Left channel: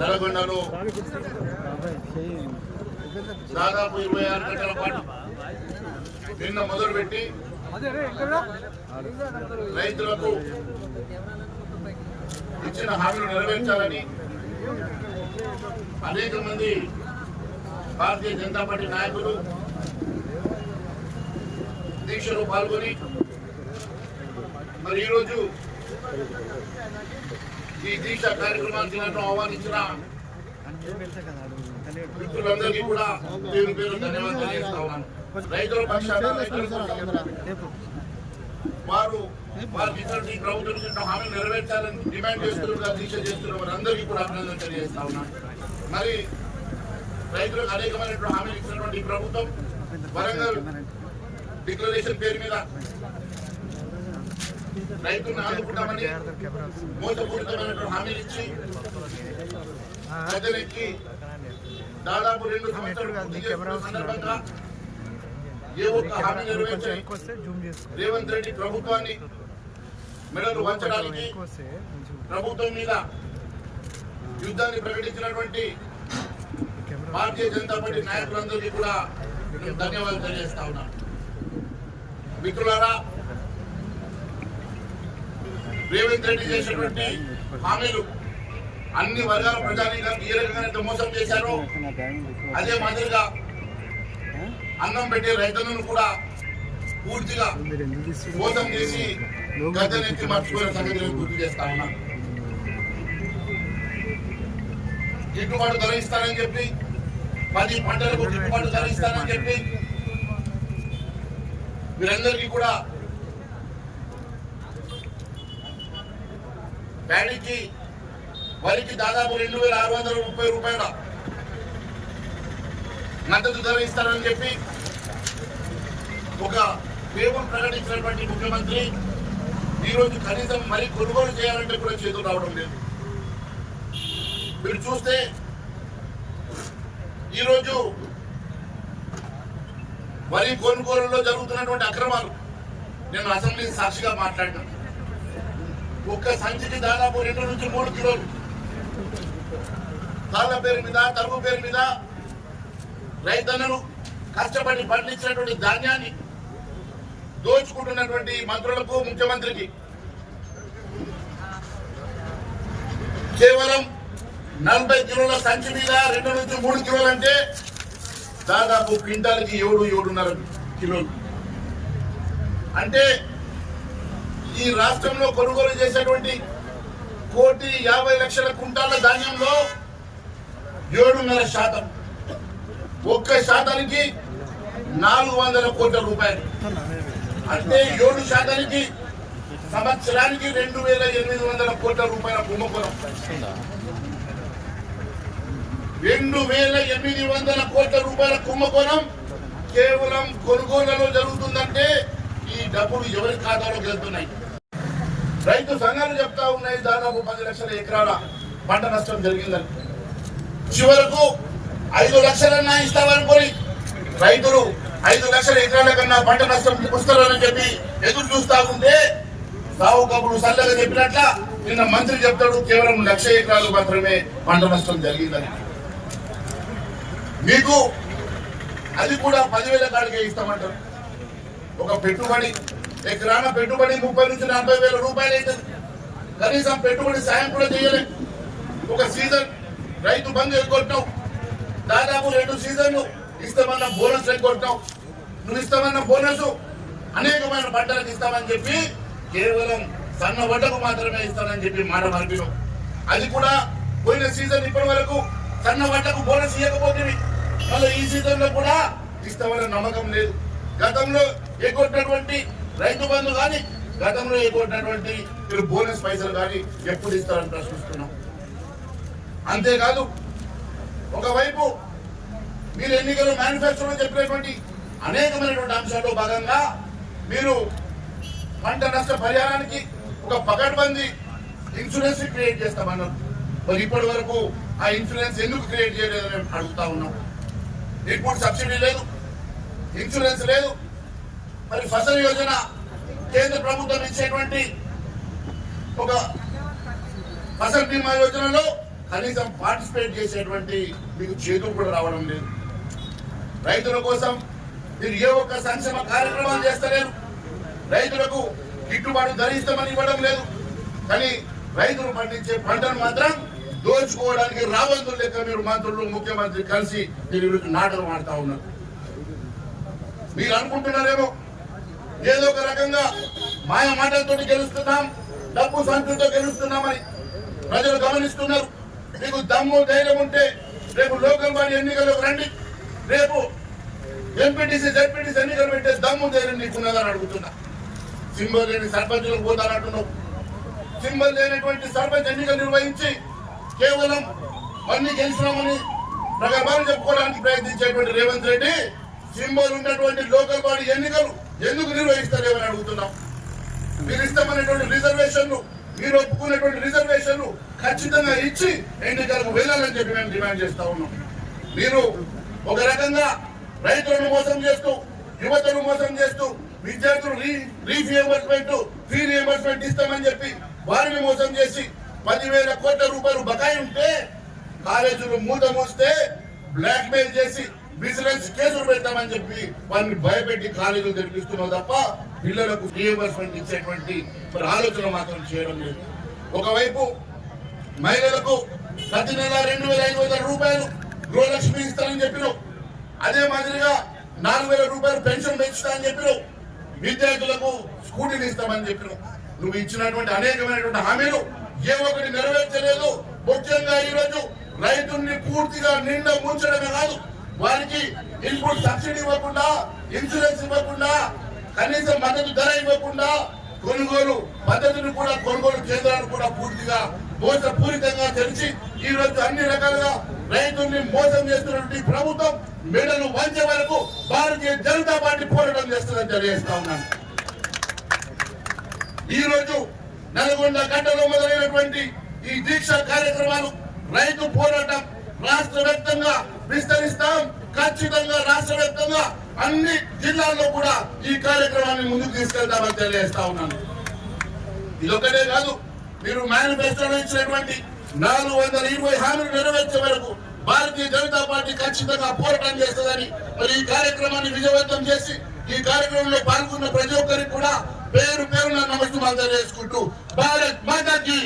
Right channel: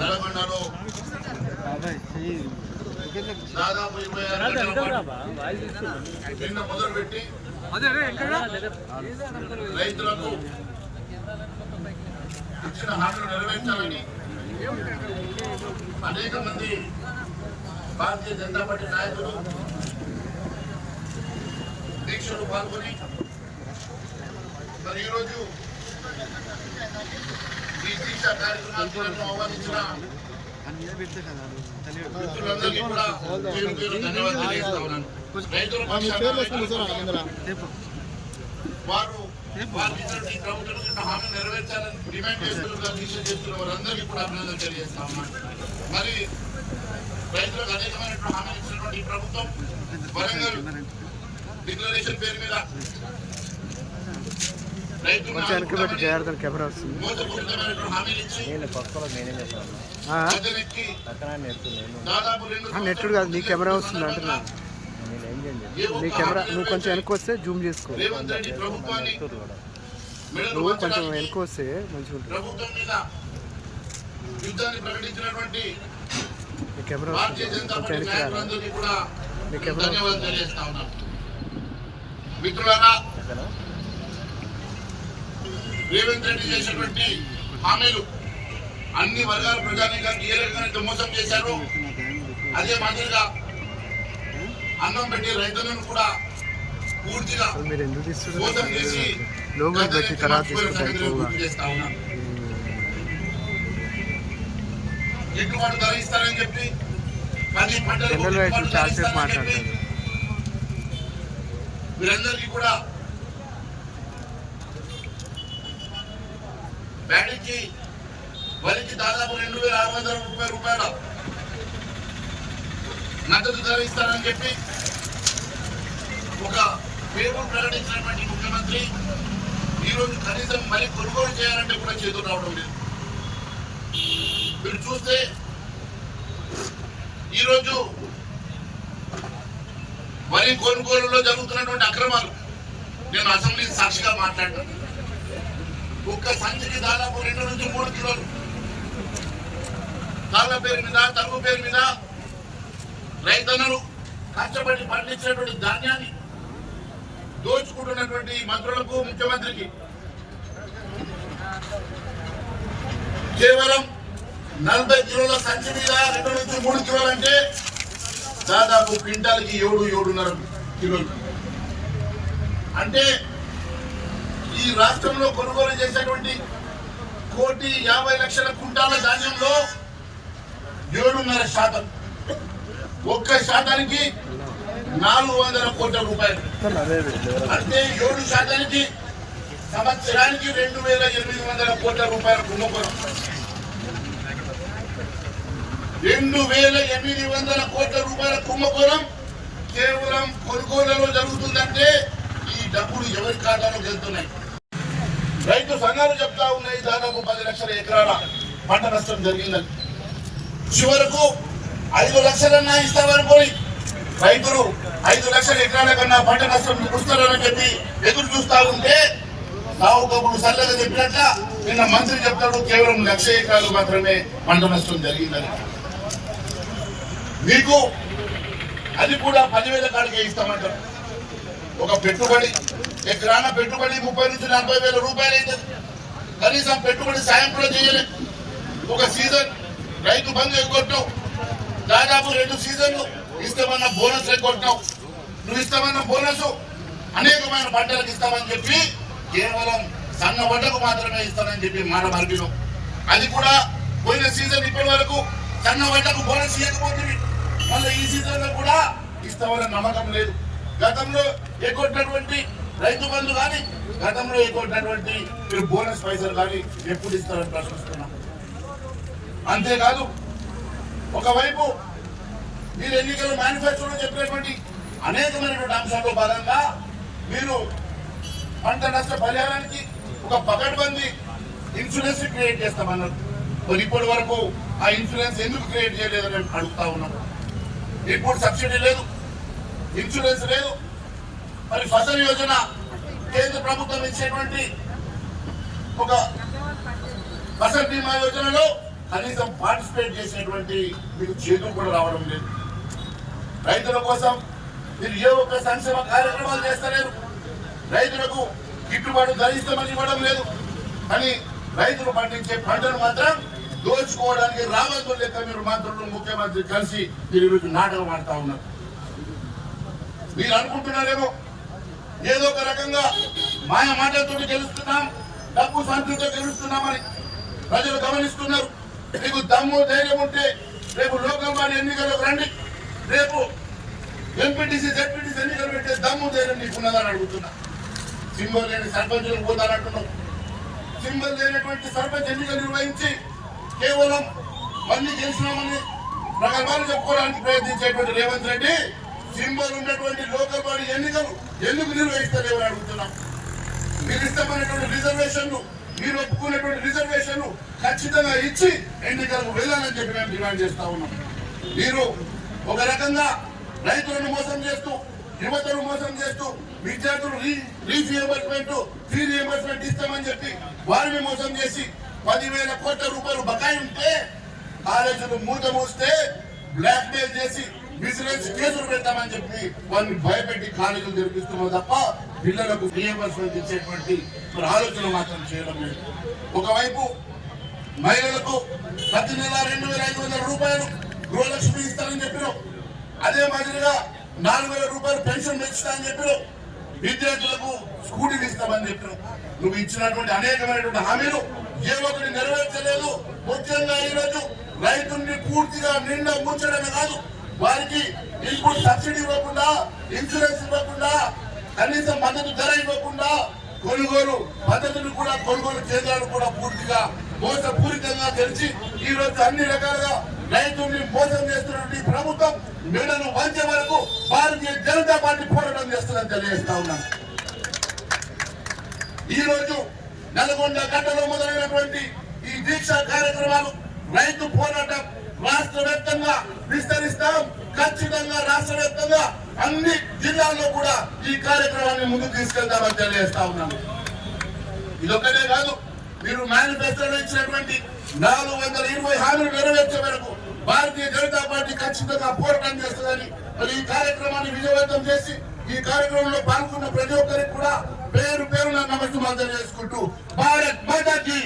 నల్గొండలో దాదాపు 26 గంటల పాటు నిన్న మొదలుపెట్టి రైతులకు ఇచ్చిన హామీలు నెరవేర్చాలని అనేక మంది భారతీయ జనతా పార్టీ నాయకులు దీక్షలో పాల్గొని మరి ఈరోజు ఈ దీక్ష కార్యక్రమానికి నన్ను ఆహ్వానించిన మిత్రులందరికీ కూడా పేరు పేరు ధన్యవాదాలు తెలియజేస్తా ఉన్నాను. రైతుల పక్షాన వారు వారికి ఇచ్చినటువంటి ప్రభుత్వం హామీలు నెరవేర్చాలని డిమాండ్ చేస్తున్న దీక్ష చేస్తున్న వారందరికీ కూడా అభినందనలు తెలియజేస్తా ఉన్నాను. మరి రైతులకు అనేకమైనటువంటి హామీలు ఇచ్చినటువంటి ప్రభుత్వం వరంగల్ డిక్లరేషన్ పేరు మీద రైతులను ఆదుకుంటామని మోసపూరితమైనటువంటి హామీలు ఇచ్చి గద్దెనెక్కి దాదాపు 2 సంవత్సరాల రేవంత్ రెడ్డి ప్రభుత్వాన్ని మెడలు వంచడానికి ప్రభుత్వం మీద యుద్ధాన్ని ప్రకటించినటువంటి భారతీయ జనతా పార్టీ నాయకులందరికీ కూడా ధన్యవాదాలు తెలియజేస్తా ఉన్నాను. మిత్రులారా, రేవంత్ రెడ్డి చేసినటువంటి హామీలు అన్ని వర్గాల ప్రజానీకానికి ఏ రకంగా మోసం చేశారో అదే మాదిరిగా అన్నం పెట్టే రైతులను కూడా పూర్తిగా మోసం చేసి గుర్తు చేస్తా ఉన్నా. గిట్టుబాటు ధర ఇస్తానని చెప్పి 10 పంటలకు గిట్టుబాటు ధర ఇస్తానని చెప్పి వీరందరికీ కూడా ప్యాడీకి వరికి దాదాపు 2630 రూపాయల మద్దతు ధర ఇస్తారని చెప్పి ఒక పేరు ప్రకటించినటువంటి ముఖ్యమంత్రి ఈరోజు కనీసం మరి కొనుగోలు చేయాలంటే కూడా చేతులు రావడం లేదు. మీరు చూస్తే ఈరోజు వరి కొనుగోలులో జరుగుతున్నటువంటి అక్రమాలు నేను అసెంబ్లీ సాక్షిగా మాట్లాడాను. ఒక్క సంచికి దాదాపు 2 నుంచి 3 కిలోలు తాళ్ల పేరు మీద తరుగు పేరు మీద రైతన్నలు కష్టపడి పండించినటువంటి ధాన్యాన్ని దోచుకుంటున్నటువంటి మంత్రులకు ముఖ్యమంత్రికి కేవలం 40 కిలోల సంచి మీద 2 నుంచి 3 కిలోలు అంటే దాదాపు క్వింటాల్కి 7-7.5 కిలోలు. అంటే ఈ రాష్ట్రంలో కొనుగోలు చేసేటువంటి 1,50,00,000 కుంటాల ధాన్యంలో 7.5%, 1% 400 కోట్ల రూపాయలు. అంటే 7% సంవత్సరానికి 2,800 కోట్ల రూపాయల కుంభకోణం. 2,800 కోట్ల రూపాయల కుంభకోణం కేవలం కొనుగోళ్లలో జరుగుతుందంటే ఈ డబ్బులు ఎవరి ఖాతాలో వెళ్తున్నాయి? రైతు సంఘాలు చెప్తా ఉన్నాయి దాదాపు 10 లక్షల ఎకరాల పంట నష్టం జరిగిందని. చివరకు 5 లక్షలన్నా ఇస్తామనుకోని రైతులు 5 లక్షల ఎకరాల కన్నా పంట నష్టం పుస్తారని చెప్పి ఎదురు చూస్తా ఉంటే సాగు కబురు సల్లగా చెప్పినట్ల నిన్న మంత్రి చెప్తాడు కేవలం 1,00,000 ఎకరాలు మాత్రమే పంట నష్టం జరిగిందని. మీకు అది కూడా 10,000 కాడికే ఇస్తామంటారు. ఒక పెట్టుబడి ఎకరాన పెట్టుబడి 30,000 నుంచి 40,000 రూపాయలు అవుతుంది. కనీసం పెట్టుబడి సాయం కూడా చేయలేదు. ఒక సీజన్ రైతు బంధు ఎగ్గొట్టావు, దాదాపు 2 సీజన్లు ఇస్తామన్న బోనస్ ఎగ్గొట్టావు. నువ్వు ఇస్తామన్న బోనస్ అనేకమైన పంటలకు ఇస్తామని చెప్పి కేవలం సన్న వడ్డకు మాత్రమే ఇస్తామని చెప్పి మాట మార్పినావు. అది కూడా పోయిన సీజన్ ఇప్పటి వరకు సన్న వడ్డకు బోనస్ ఇవ్వకపోతే మళ్ళీ ఈ సీజన్ లో కూడా ఇస్తామన్న నమ్మకం లేదు. గతంలో ఎగ్గొట్టినటువంటి రైతు బంధు కానీ గతంలో ఎగ్గొట్టినటువంటి మీరు బోనస్ పైసలు కానీ ఎప్పుడు ఇస్తారని ప్రశ్నిస్తున్నాం. అంతేకాదు, ఒకవైపు మీరు ఎన్నికల మేనిఫెస్టోలో చెప్పినటువంటి అనేకమైనటువంటి అంశాల్లో భాగంగా మీరు పంట నష్ట పరిహారానికి ఒక పకడ్బందీ ఇన్సూరెన్స్ క్రియేట్ చేస్తామన్నారు. మరి ఇప్పటి వరకు ఆ ఇన్సూరెన్స్ ఎందుకు క్రియేట్ చేయలేదని అడుగుతా ఉన్నాం. ఇన్పుట్ సబ్సిడీ లేదు, ఇన్సూరెన్స్ లేదు. మరి ఫసల్ యోజన కేంద్ర ప్రభుత్వం ఇచ్చేటువంటి ఒక ఫసల్ బీమా యోజనలో కనీసం పార్టిసిపేట్ చేసేటువంటి మీకు చేతులు కూడా రావడం లేదు. రైతుల కోసం మీరు ఏ ఒక్క సంక్షేమ కార్యక్రమాలు చేస్తలేరు. రైతులకు గిట్టుబాటు ధర ఇస్తామని ఇవ్వడం లేదు. కానీ రైతులు పండించే పంటను మాత్రం దోచుకోవడానికి రావద్దు లెక్క మీరు మంత్రులు ముఖ్యమంత్రి కలిసి మీరు ఈరోజు నాటకం ఆడుతా ఉన్నారు. మీరు అనుకుంటున్నారేమో ఏదో ఒక రకంగా మాయ మాటలతో గెలుస్తున్నాం, డబ్బు సంతృప్తితో గెలుస్తున్నామని. ప్రజలు గమనిస్తున్నారు. మీకు దమ్ము ధైర్యం ఉంటే రేపు లోకల్ బాడీ ఎన్నికలకు రండి. రేపు ఎంపీటీసీ జడ్పీటీసీ ఎన్నికలు పెట్టే దమ్ము ధైర్యం నీకున్నదని అడుగుతున్నా. సింబల్ లేని సర్పంచులకు పోతానంటున్నావు. సింబల్ లేనటువంటి సర్పంచ్ ఎన్నికలు నిర్వహించి కేవలం మళ్ళీ గెలిచినామని ప్రగల్భాలు చెప్పుకోవడానికి ప్రయత్నించేటువంటి రేవంత్ రెడ్డి సింబల్ ఉన్నటువంటి లోకల్ బాడీ ఎన్నికలు ఎందుకు నిర్వహిస్తారేమని అడుగుతున్నాం. మీరు ఇష్టమైనటువంటి రిజర్వేషన్లు, మీరు ఒప్పుకునేటువంటి రిజర్వేషన్లు ఖచ్చితంగా ఇచ్చి ఎన్నికలకు వెళ్ళాలని చెప్పి మేము డిమాండ్ చేస్తా ఉన్నాం. మీరు ఒక రకంగా రైతులను మోసం చేస్తూ, యువతను మోసం చేస్తూ, విద్యార్థులు ఫీ రియంబర్స్మెంట్ ఇస్తామని చెప్పి వారిని మోసం చేసి 10,000 కోట్ల రూపాయలు బకాయి ఉంటే కాలేజీలు మూత మోస్తే బ్లాక్ మెయిల్ చేసి విజిలెన్స్ కేసులు పెడతామని చెప్పి వారిని భయపెట్టి కాలేజీలు తెరిపిస్తున్నారు తప్ప పిల్లలకు రియంబర్స్మెంట్ ఇచ్చేటువంటి ఆలోచన మాత్రం చేయడం లేదు. ఒకవైపు మహిళలకు ప్రతి నెల 2,500 రూపాయలు గృహలక్ష్మి ఇస్తానని చెప్పినావు. అదే మాదిరిగా 4,000 రూపాయలు పెన్షన్ పెంచుతానని చెప్పినావు. విద్యార్థులకు స్కూటీలు ఇస్తామని చెప్పినావు. నువ్వు ఇచ్చినటువంటి అనేకమైనటువంటి హామీలు ఏ ఒక్కటి నెరవేర్చలేదు. ముఖ్యంగా ఈరోజు రైతుల్ని పూర్తిగా నిండా ముంచడమే కాదు, వారికి ఇన్పుట్ సబ్సిడీ ఇవ్వకుండా, ఇన్సూరెన్స్ ఇవ్వకుండా, కనీసం మద్దతు ధర ఇవ్వకుండా, కొనుగోలు పద్ధతులు కూడా, కొనుగోలు కేంద్రాలు కూడా పూర్తిగా మోసపూరితంగా తెరిచి ఈ రోజు అన్ని రకాలుగా రైతుల్ని మోసం చేస్తున్నటువంటి ప్రభుత్వం మెడలు వంచే వరకు భారతీయ జనతా పార్టీ పోరాటం చేస్తుందని తెలియజేస్తా ఉన్నాను. ఈ రోజు నల్గొండ గడ్డలో మొదలైనటువంటి ఈ దీక్ష కార్యక్రమాలు, రైతు పోరాటం రాష్ట్ర వ్యాప్తంగా విస్తరిస్తాం. ఖచ్చితంగా రాష్ట్ర వ్యాప్తంగా అన్ని జిల్లాల్లో కూడా ఈ కార్యక్రమాన్ని ముందుకు తీసుకెళ్తామని తెలియజేస్తా ఉన్నాను. ఇదొక్కటే కాదు, మీరు మేనిఫెస్టోలో ఇచ్చినటువంటి 420 హామీలు నెరవేర్చే వరకు భారతీయ జనతా పార్టీ ఖచ్చితంగా పోరాటం చేస్తుందని మరి ఈ కార్యక్రమాన్ని విజయవంతం చేసి ఈ కార్యక్రమంలో పాల్గొన్న ప్రతి ఒక్కరికి కూడా పేరు పేరున నమస్కారం తెలియజేసుకుంటూ భారత్ మాతాకి